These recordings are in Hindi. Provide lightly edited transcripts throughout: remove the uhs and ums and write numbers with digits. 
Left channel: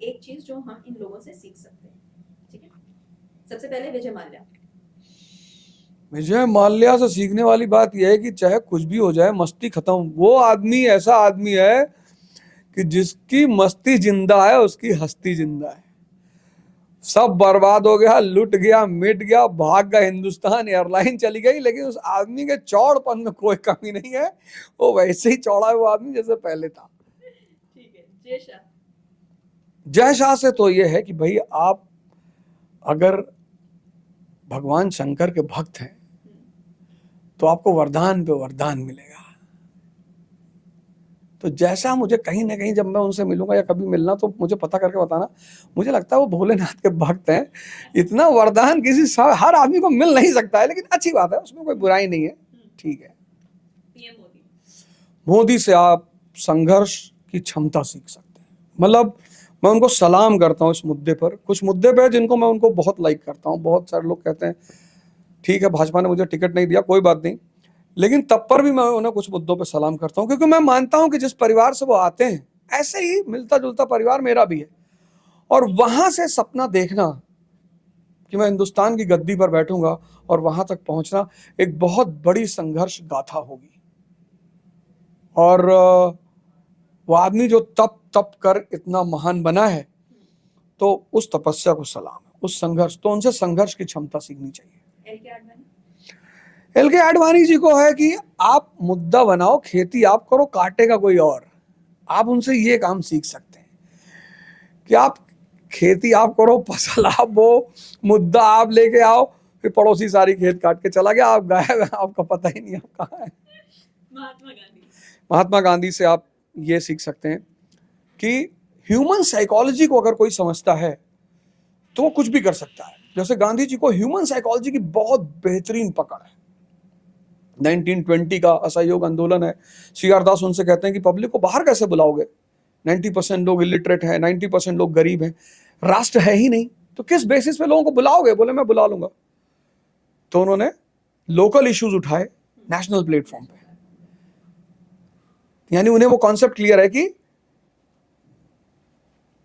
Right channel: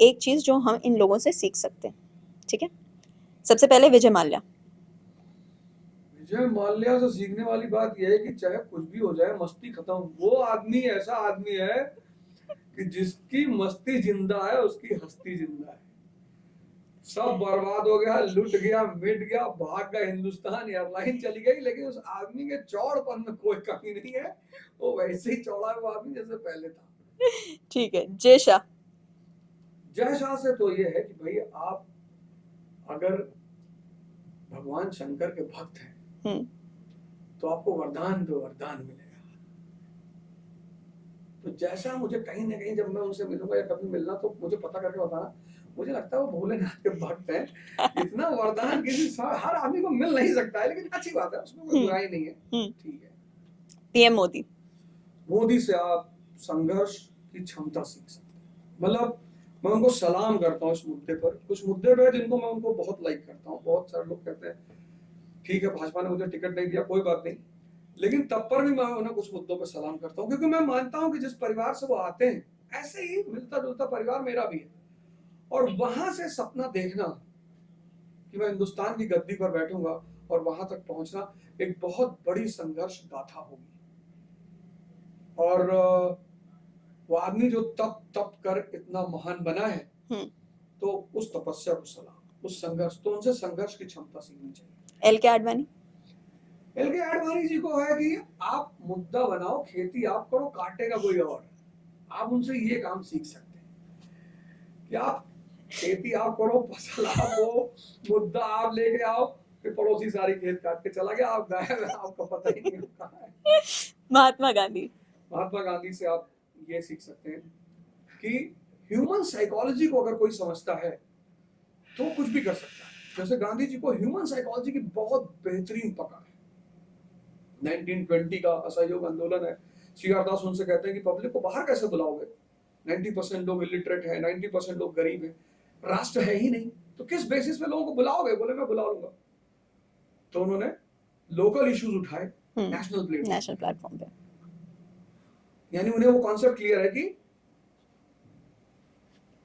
एक चीज़ जो हम इन लोगों से सीख सकते हैं, ठीक है? सबसे पहले विजय माल्या। विजय माल्या से सीखने वाली बात यह है कि चाहे कुछ भी हो जाए, मस्ती खत्म। वो आदमी ऐसा आदमी है कि जिसकी मस्ती जिंदा है, उसकी हस्ती जिंदा है। सब बर्बाद हो गया, लुट गया, मिट गया, भाग गया, हिंदुस्तान एयरलाइन चली गई, लेकिन उस आदमी के चौड़पन में कोई कमी नहीं है। वो वैसे ही चौड़ा है वो आदमी जैसे पहले था। ठीक है, जय शाह। जय शाह से तो ये है कि भाई आप अगर भगवान शंकर के भक्त हैं तो आपको वरदान पे वरदान मिलेगा। तो जैसा मुझे कहीं ना कहीं जब मैं उनसे मिलूंगा या कभी मिलना तो मुझे पता करके बताना। मुझे लगता है वो भोलेनाथ के भक्त हैं। इतना वरदान हर आदमी को मिल नहीं सकता है, लेकिन अच्छी बात है, उसमें कोई बुराई नहीं है। ठीक है। पीएम मोदी। मोदी से आप संघर्ष की क्षमता सीख सकते हैं। मतलब मैं उनको सलाम करता हूँ इस मुद्दे पर। कुछ मुद्दे पे जिनको मैं उनको बहुत लाइक करता हूँ। बहुत सारे लोग कहते हैं ठीक है भाजपा ने मुझे टिकट नहीं दिया, कोई बात नहीं, लेकिन तब पर भी मैं उन्हें कुछ मुद्दों पर सलाम करता हूं, क्योंकि मैं मानता हूं कि जिस परिवार से वो आते हैं ऐसे ही मिलता जुलता परिवार मेरा भी है। और वहां से सपना देखना कि मैं हिंदुस्तान की गद्दी पर बैठूंगा और वहां तक पहुंचना एक बहुत बड़ी संघर्ष गाथा होगी। और वो आदमी जो तप तप कर इतना महान बना है, तो उस तपस्या को सलाम, उस संघर्ष, तो उनसे संघर्ष की क्षमता सीखनी चाहिए। एल के आडवाणी। एल के आडवाणी जी को है कि आप मुद्दा बनाओ, खेती आप करो, काटेगा कोई और। आप उनसे ये काम सीख सकते हैं कि आप खेती आप करो, फसल आप बो, मुद्दा आप लेके आओ, फिर पड़ोसी सारी खेत काट के चला गया, आप गायब है, आपका पता ही नहीं आप कहाँ है। महात्मा गांधी। महात्मा गांधी से आप ये सीख सकते हैं कि ह्यूमन साइकोलॉजी को अगर कोई समझता है तो वो कुछ भी कर सकता है। जैसे गांधी जी को ह्यूमन साइकोलॉजी की बहुत बेहतरीन पकड़ है। 1920 का असहयोग आंदोलन है। सीआर दास उनसे कहते हैं कि पब्लिक को बाहर कैसे बुलाओगे, 90% लोग इलिटरेट हैं, 90% लोग गरीब हैं, राष्ट्र है ही नहीं, तो किस बेसिस पे लोगों को बुलाओगे? बोले मैं बुला लूंगा। तो उन्होंने लोकल इश्यूज उठाए नेशनल प्लेटफॉर्म पे। यानी उन्हें वो कॉन्सेप्ट क्लियर है कि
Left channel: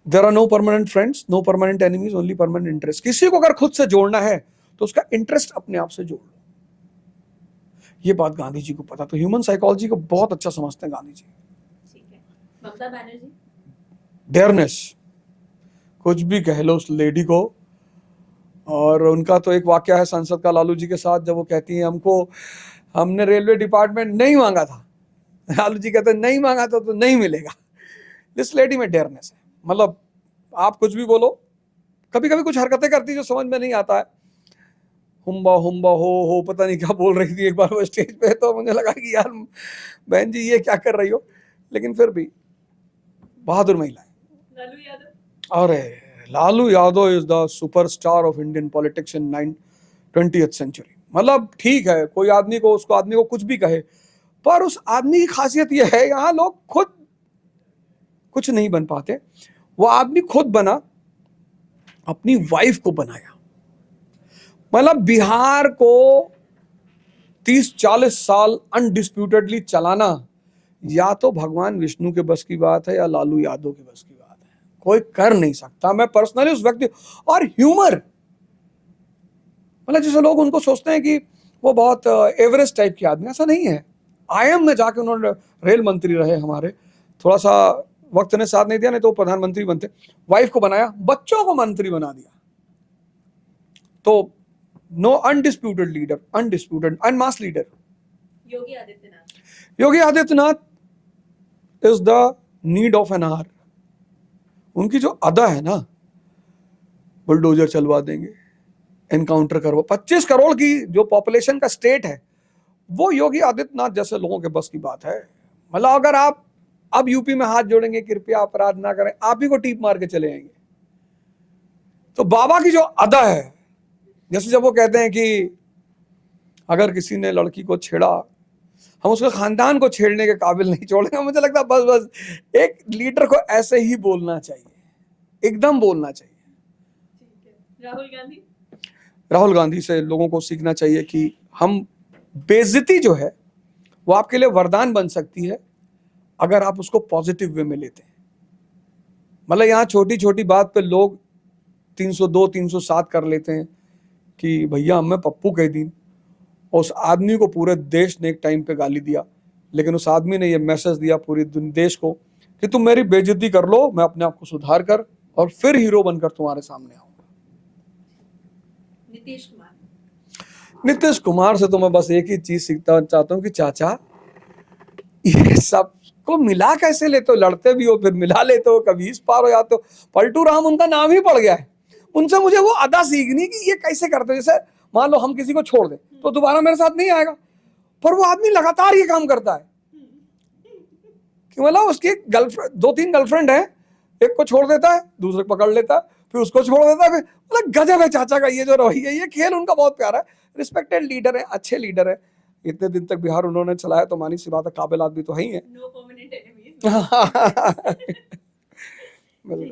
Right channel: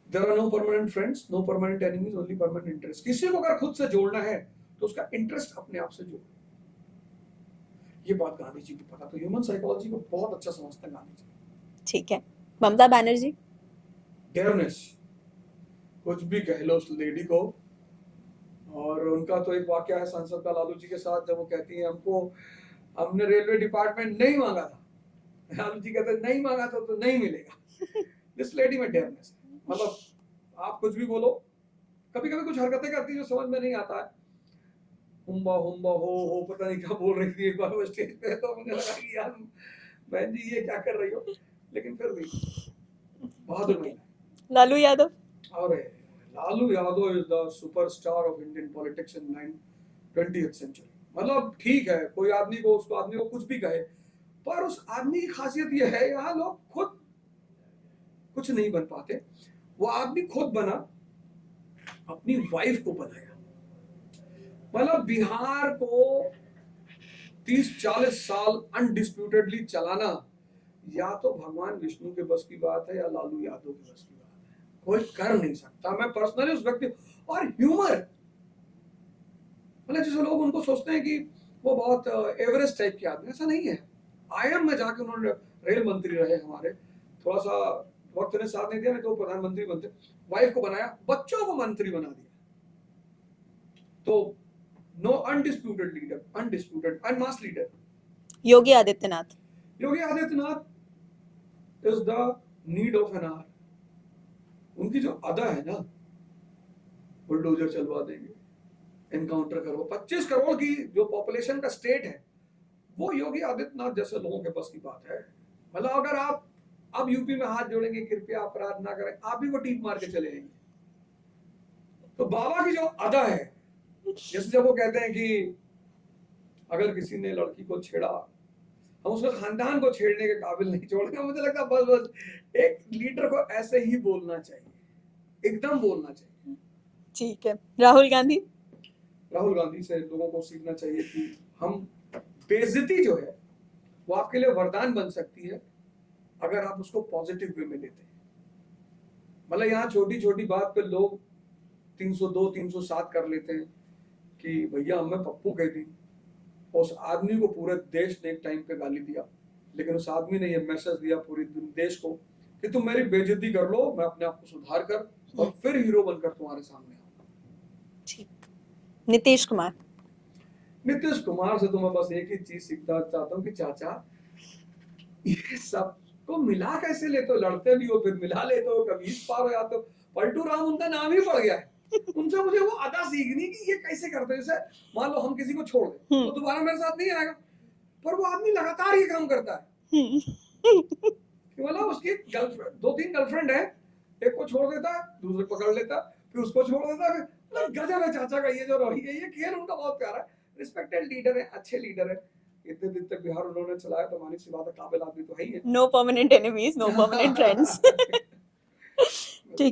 there are no permanent friends, no permanent enemies, only permanent interest. किसी को अगर खुद से जोड़ना है तो उसका इंटरेस्ट अपने आप से जोड़। ये बात गांधी जी को पता, तो ह्यूमन साइकोलॉजी को बहुत अच्छा समझते हैं गांधी जी। ठीक है। ममता बनर्जी। डेयरनेस, कुछ भी कह लो उस लेडी को। और उनका तो एक वाक्य है संसद का लालू जी के साथ, जब वो कहती है हमने रेलवे डिपार्टमेंट नहीं मांगा था, लालू जी कहते हैं नहीं मांगा था तो नहीं मिलेगा। इस लेडी में डेयरनेस है। मतलब आप कुछ भी बोलो, कभी कभी कुछ हरकतें करती जो समझ में नहीं आता है, हुम्बा हुम्बा हो पता नहीं क्या बोल रही थी एक बार वो स्टेज पे, तो मुझे लगा कि यार बहन जी ये क्या कर रही हो, लेकिन फिर भी बहादुर महिला है। लालू यादव। अरे Lalu Yadav is the superstar of Indian politics in 20th century. मतलब ठीक है, कोई आदमी को कुछ भी कहे, पर उस आदमी की खासियत यह है, यहाँ लोग खुद कुछ नहीं बन पाते, वो आदमी खुद बना, अपनी वाइफ को बनाया। मतलब बिहार को 30-40 साल अनडिस्प्यूटेडली चलाना या तो भगवान विष्णु के बस की बात है या लालू यादव के बस की बात है, कोई कर नहीं सकता। मैं पर्सनली उस व्यक्ति, और ह्यूमर, मतलब जैसे लोग उनको सोचते हैं कि वो बहुत एवरेस्ट टाइप के आदमी, ऐसा नहीं है। आईएम में जाके उन्होंने रेल मंत्री रहे हमारे, थोड़ा सा वक्त ने साथ नहीं दिया, नहीं तो प्रधानमंत्री बनते। वाइफ को बनाया, बच्चों को मंत्री बना दिया। तो नो अनडिस्प्यूटेड लीडर, अनडिस्प्यूटेड अनमास leader. Yogi Adityanath. Yogi Adityanath is the need of an hour. उनकी जो अदा है ना, बुलडोजर चलवा देंगे, एनकाउंटर करवा, 25 करोड़ की जो पॉपुलेशन का स्टेट है, वो योगी आदित्यनाथ जैसे लोगों के बस की बात है। मतलब अगर आप अब यूपी में हाथ जोड़ेंगे कृपया अपराध ना करें, आप ही को टीप मार के चले आएंगे। तो बाबा की जो अदा है, जैसे जब वो कहते हैं कि अगर किसी ने लड़की को छेड़ा, हम उसके खानदान को छेड़ने के काबिल नहीं छोड़ेंगे। मुझे लगता है बस एक लीडर को ऐसे ही बोलना चाहिए, एकदम बोलना चाहिए। ठीक है। राहुल गांधी। राहुल गांधी से लोगों को सीखना चाहिए कि हम, बेइज्जती जो है वो आपके लिए वरदान बन सकती है अगर आप उसको पॉजिटिव वे में लेते हैं। मतलब यहाँ छोटी छोटी बात पे लोग 302 307 कर लेते हैं कि भैया हमें पप्पू कह दी। और उस आदमी को पूरे देश ने एक टाइम पे गाली दिया, लेकिन उस आदमी ने ये मैसेज दिया पूरे देश को कि तुम मेरी बेइज्जती कर लो, मैं अपने आप को सुधार कर और फिर हीरो बनकर तुम्हारे सामने आऊंगा। ठीक। नीतीश कुमार। नीतीश कुमार से तो मैं बस एक ही चीज सीखता चाहता हूँ कि चाचा ये सब को मिला कैसे लेते हो, लड़ते भी हो फिर मिला लेते हो, कभी इस पार हो जाते हो। पलटू राम उनका नाम ही पड़ गया है। उनसे मुझे वो अदा सीखनी कि ये कैसे करते हो। जैसे मान लो हम किसी को छोड़ दें तो दोबारा मेरे साथ नहीं आएगा, पर वो आदमी लगातार ये काम करता है कि मतलब उसकी गर्लफ्रेंड 2-3 गर्लफ्रेंड है, एक को छोड़ देता है, दूसरे को पकड़ लेता है, फिर उसको छोड़ देता है, फिर मतलब गजब है चाचा का ये जो रवैया, ये खेल उनका बहुत प्यारा है। रिस्पेक्टेड लीडर है, अच्छे लीडर है, इतने दिन तक बिहार उन्होंने चलाया तो मानी सी बात है, काबिल आदमी तो है ही है। No permanent enemies, no permanent friends. ठीक है।